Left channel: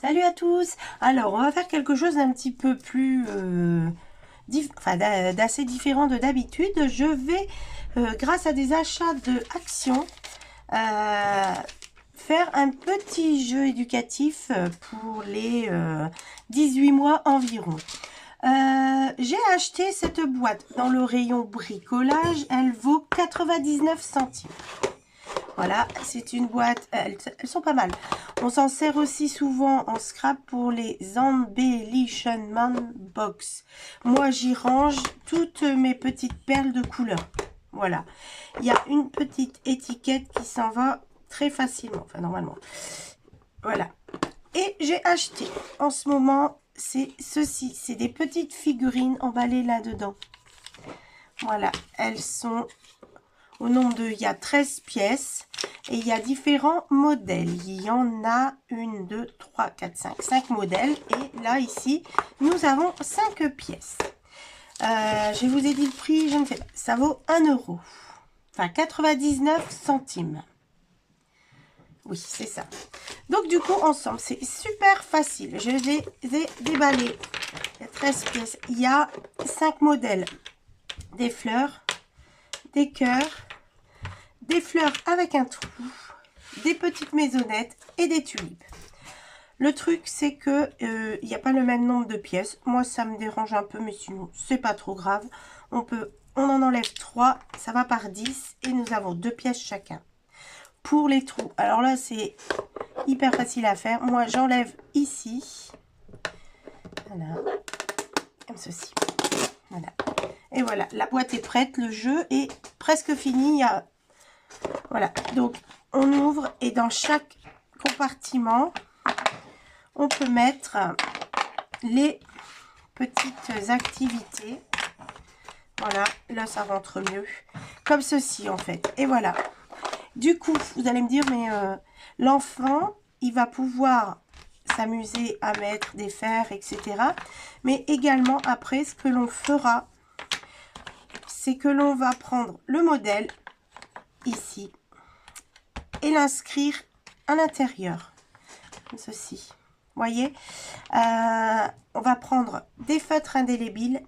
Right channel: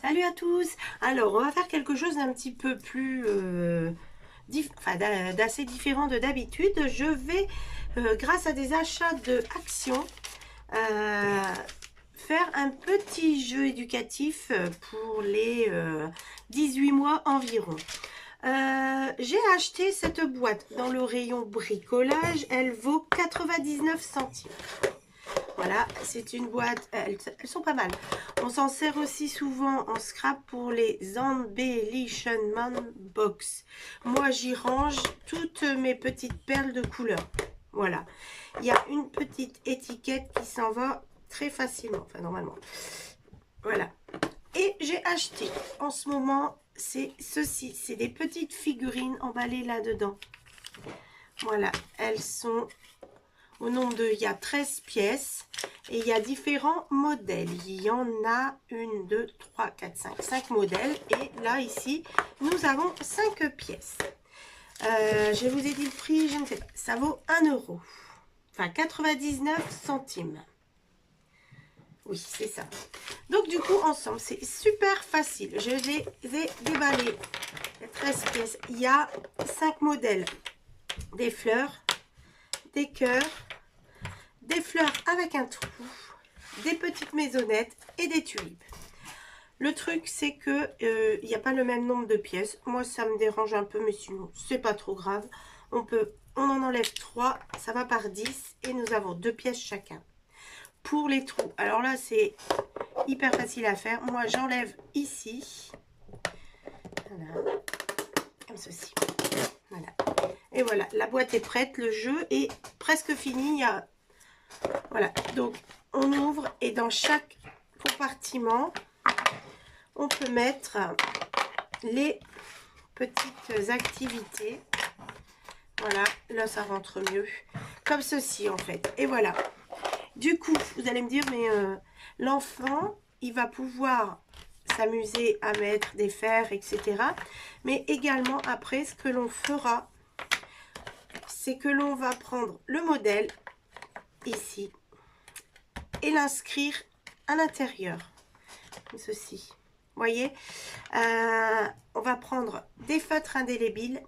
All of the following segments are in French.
Salut à tous. Alors, on va faire quelque chose d'un petit peu plus, d'assez différent de d'habitude. Je vais, grâce à des achats de actions, faire un petit jeu éducatif pour les 18 mois environ. J'ai acheté cette boîte dans le rayon bricolage. Elle vaut 99 centimes. Voilà, c'est une boîte, elles sont pas mal. On s'en sert aussi souvent en scrap pour les embellishment box. Moi, j'y range toutes mes petites perles de couleur. Voilà, il y a une petite étiquette qui s'en va très facilement, enfin normalement. Voilà, et j'ai acheté en ce moment, c'est ceci, c'est des petites figurines emballées là-dedans. Voilà, elles sont au nombre de, il y a 13 pièces et il y a différents modèles. Il y en a 1, 2, 3, 4, 5. 5 modèles. Et là, ici, nous avons 5 pièces. Je vous ai dit le prix, je ne sais pas. Ça vaut 1 euro. Enfin, 99 centimes. Oui, c'est ça. Donc, du coup, ensemble, c'est super facile. Je les ai déballés. Il y a 13 pièces. Il y a 5 modèles. Des fleurs, des cœurs, des fleurs avec un trou, des petites maisonnettes et des tulipes. Le truc, c'est que il n'y a pas le même nombre de pièces. Moi, ça me dérange un peu, mais sinon, c'est pas trop grave. On en enlève 3, ça va par 10 et nous avons 2 pièces chacun. Pour les trous, alors là, c'est hyper facile à faire. Moi, j'enlève ici. Voilà, comme ceci. Voilà. Et voilà, la boîte est prête, le jeu est presque fini. Il y a voilà, donc on ouvre et dans chaque compartiment, on peut mettre les petites activités. Voilà, là ça rentre mieux, comme ceci en fait. Et voilà, du coup, vous allez me dire, mais l'enfant, il va pouvoir s'amuser à mettre des fers, etc. Mais également, après, ce que l'on fera, c'est que l'on va prendre le modèle, ici, et l'inscrire à l'intérieur, comme ceci. Voyez, on va prendre des feutres indélébiles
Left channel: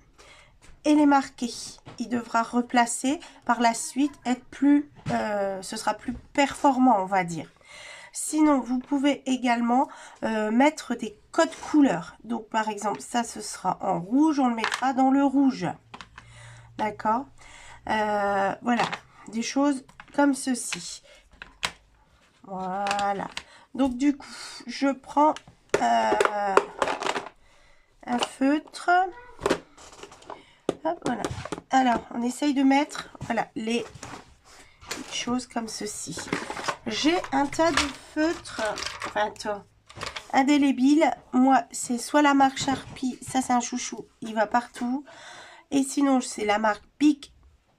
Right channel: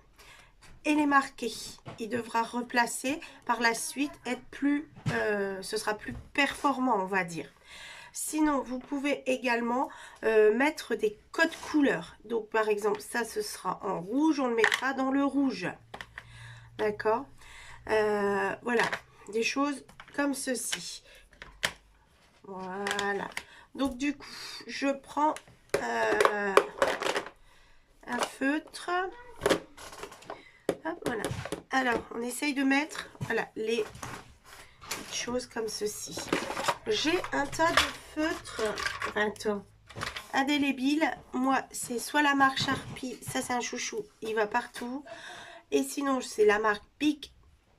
et les marquer. Il devra replacer par la suite, être plus, ce sera plus performant, on va dire. Sinon, vous pouvez également mettre des codes couleurs. Donc, par exemple, ça, ce sera en rouge, on le mettra dans le rouge. D'accord, voilà, des choses comme ceci. Voilà. Donc, du coup, je prends un feutre. Hop, voilà. Alors, on essaye de mettre, voilà, les choses comme ceci. J'ai un tas de feutres, enfin, indélébiles. Moi, c'est soit la marque Sharpie, ça c'est un chouchou, il va partout. Et sinon, c'est la marque Bic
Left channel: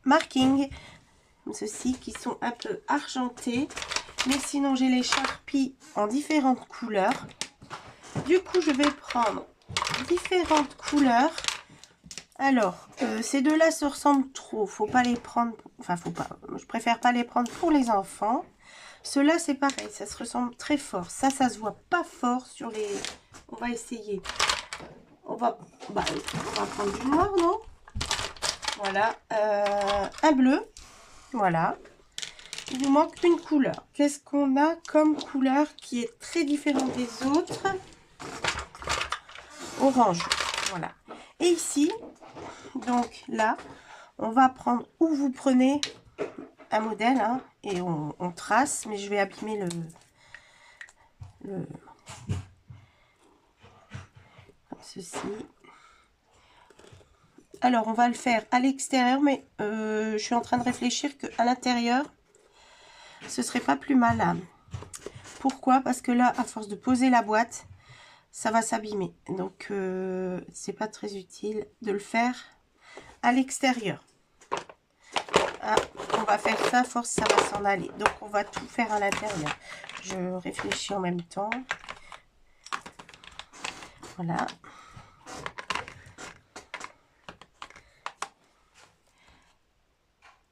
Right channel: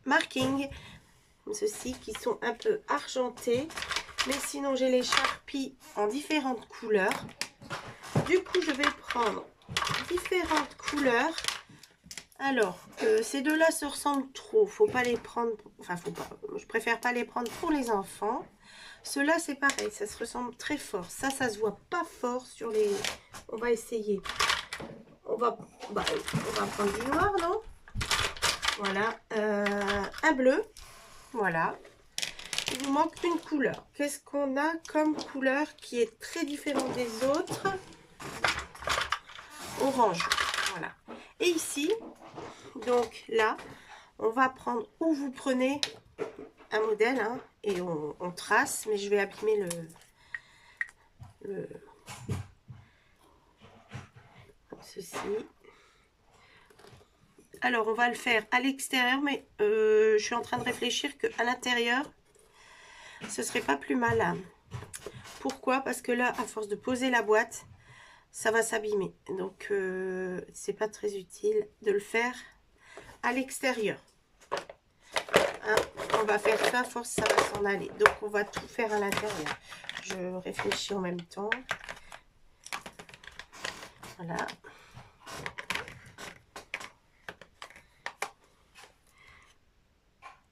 Marking, comme ceci, qui sont un peu argentés. Mais sinon, j'ai les Sharpie en différentes couleurs. Du coup, je vais prendre différentes couleurs. Alors, ces deux-là se ressemblent trop. Faut pas les prendre. Enfin, faut pas. Je préfère pas les prendre pour les enfants. Ceux-là, c'est pareil. Ça se ressemble très fort. Ça se voit pas fort sur les. On va essayer. On va prendre du noir, non? Voilà. Un bleu. Voilà. Il nous manque une couleur. Qu'est-ce qu'on a comme couleur qui est très différente des autres? Orange. Voilà. Et ici, donc là, on va prendre, ou vous prenez un modèle, hein, et on trace, mais je vais abîmer comme ceci. Alors, on va le faire à l'extérieur, mais je suis en train de réfléchir qu'à l'intérieur, ce serait pas plus mal. Hein. Pourquoi? Parce que là, à force de poser la boîte, ça va s'abîmer. Donc, c'est pas très utile de le faire à l'extérieur. Hein, on va faire ça, à force, ça va s'en aller. Donc, on va tout faire à l'intérieur. Je réfléchis en même temps. Voilà.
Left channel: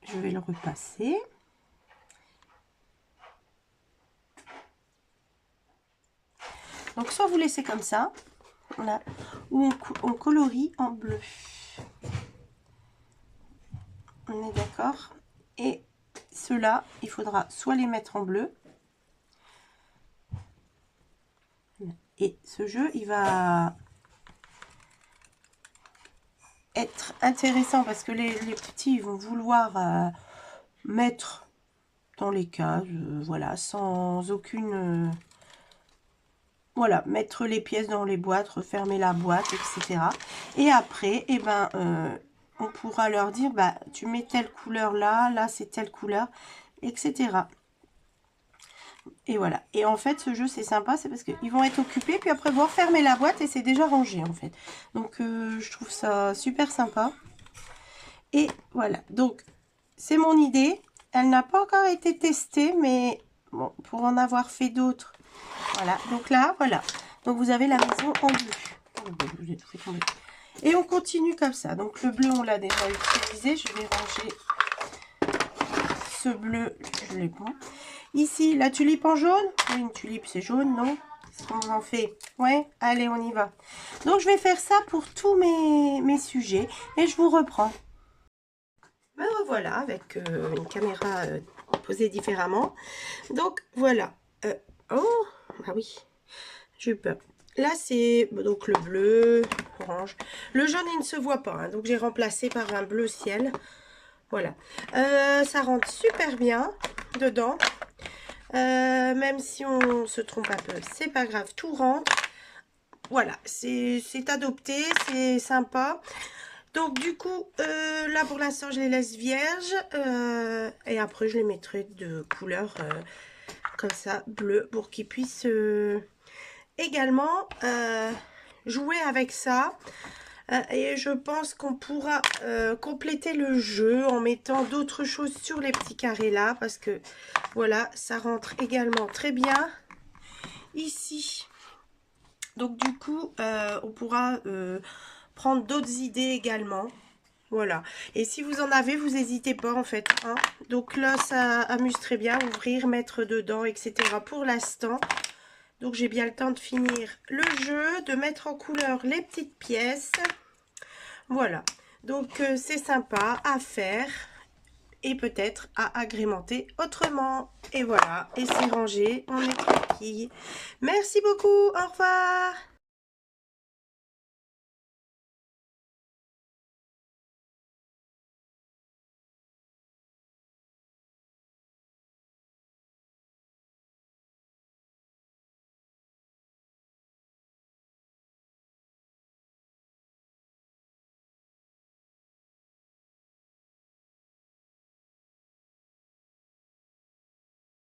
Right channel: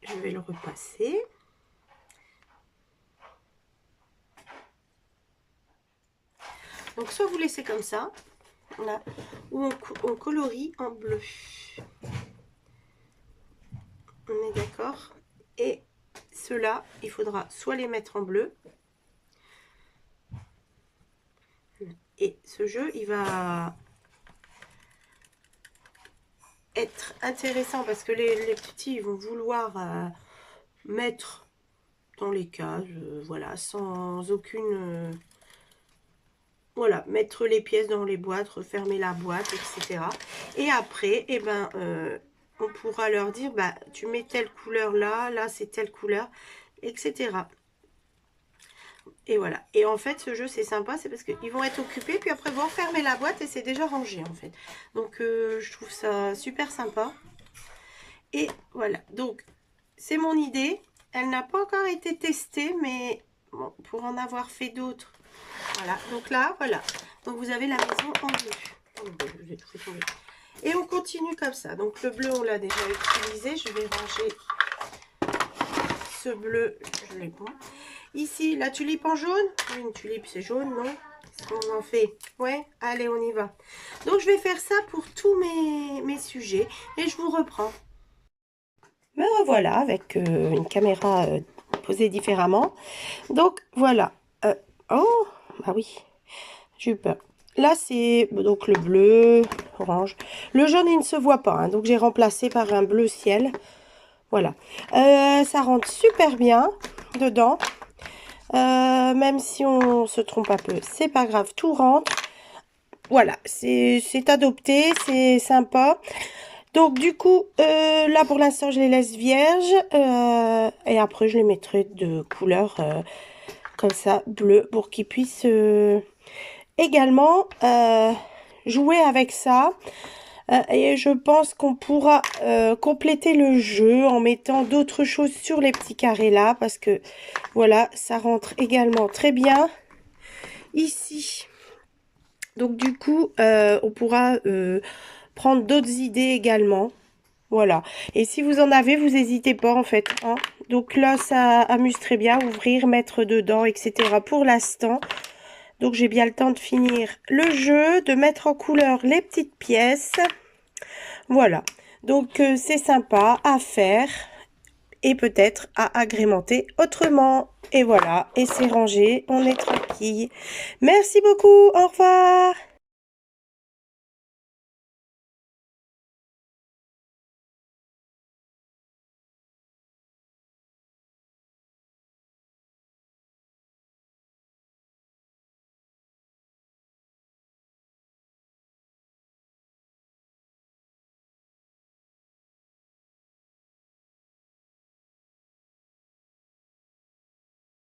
Je vais le repasser. Donc soit vous laissez comme ça, voilà, ou on colorie en bleu. On est d'accord? Et ceux-là, il faudra soit les mettre en bleu. Et ce jeu, il va être intéressant parce que les petits ils vont vouloir mettre dans les cases, voilà, sans aucune... voilà, mettre les pièces dans les boîtes, refermer la boîte, etc. Et après, eh ben, on pourra leur dire, bah, tu mets telle couleur là, là c'est telle couleur, etc. Et voilà. Et en fait, ce jeu, c'est sympa, c'est parce qu'ils vont être occupés, puis après, vont fermer la boîte et c'est déjà rangé, en fait. Donc, je trouve ça super sympa. Et voilà. Donc, c'est mon idée. Elle n'a pas encore été testée, mais bon, pour en avoir fait d'autres. Voilà. Donc là, voilà. Donc, vous avez la maison en bleu. Et on continue comme ça. Donc, le bleu, on l'a déjà utilisé. Je vais ranger ce bleu. Je l'ai pas. Ici, la tulipe en jaune. Oui, une tulipe, c'est jaune, non? Qu'est-ce qu'on en fait? Ouais, allez, on y va. Donc, je vais faire ça pour tous mes sujets. Et je vous reprends. Me revoilà avec une caméra posée différemment. Donc, voilà. Oh, bah oui, j'ai eu peur. Là, c'est donc le bleu, orange. Le jaune, il ne se voit pas. Hein, donc, j'ai remplacé par un bleu ciel. Voilà. Ça rentre super bien dedans. Même si on se trompe un peu, c'est pas grave, tout rentre. Voilà, c'est adopté, c'est sympa. Donc du coup, là pour l'instant, je les laisse vierges. Et après, je les mettrai de couleur comme ça, bleu, pour qu'ils puissent également jouer avec ça. Et je pense qu'on pourra compléter le jeu en mettant d'autres choses sur les petits carrés là. Parce que voilà, ça rentre également très bien ici. Donc du coup, on pourra prendre d'autres idées également. Voilà. Et si vous en avez, vous n'hésitez pas en fait. Hein. Donc là, ça amuse très bien. Ouvrir, mettre dedans, etc. pour l'instant. Donc j'ai bien le temps de finir le jeu, de mettre en couleur les petites pièces. Voilà. Donc c'est sympa à faire. Et peut-être à agrémenter autrement. Et voilà. Et c'est rangé. On est tranquille. Merci beaucoup. Au revoir.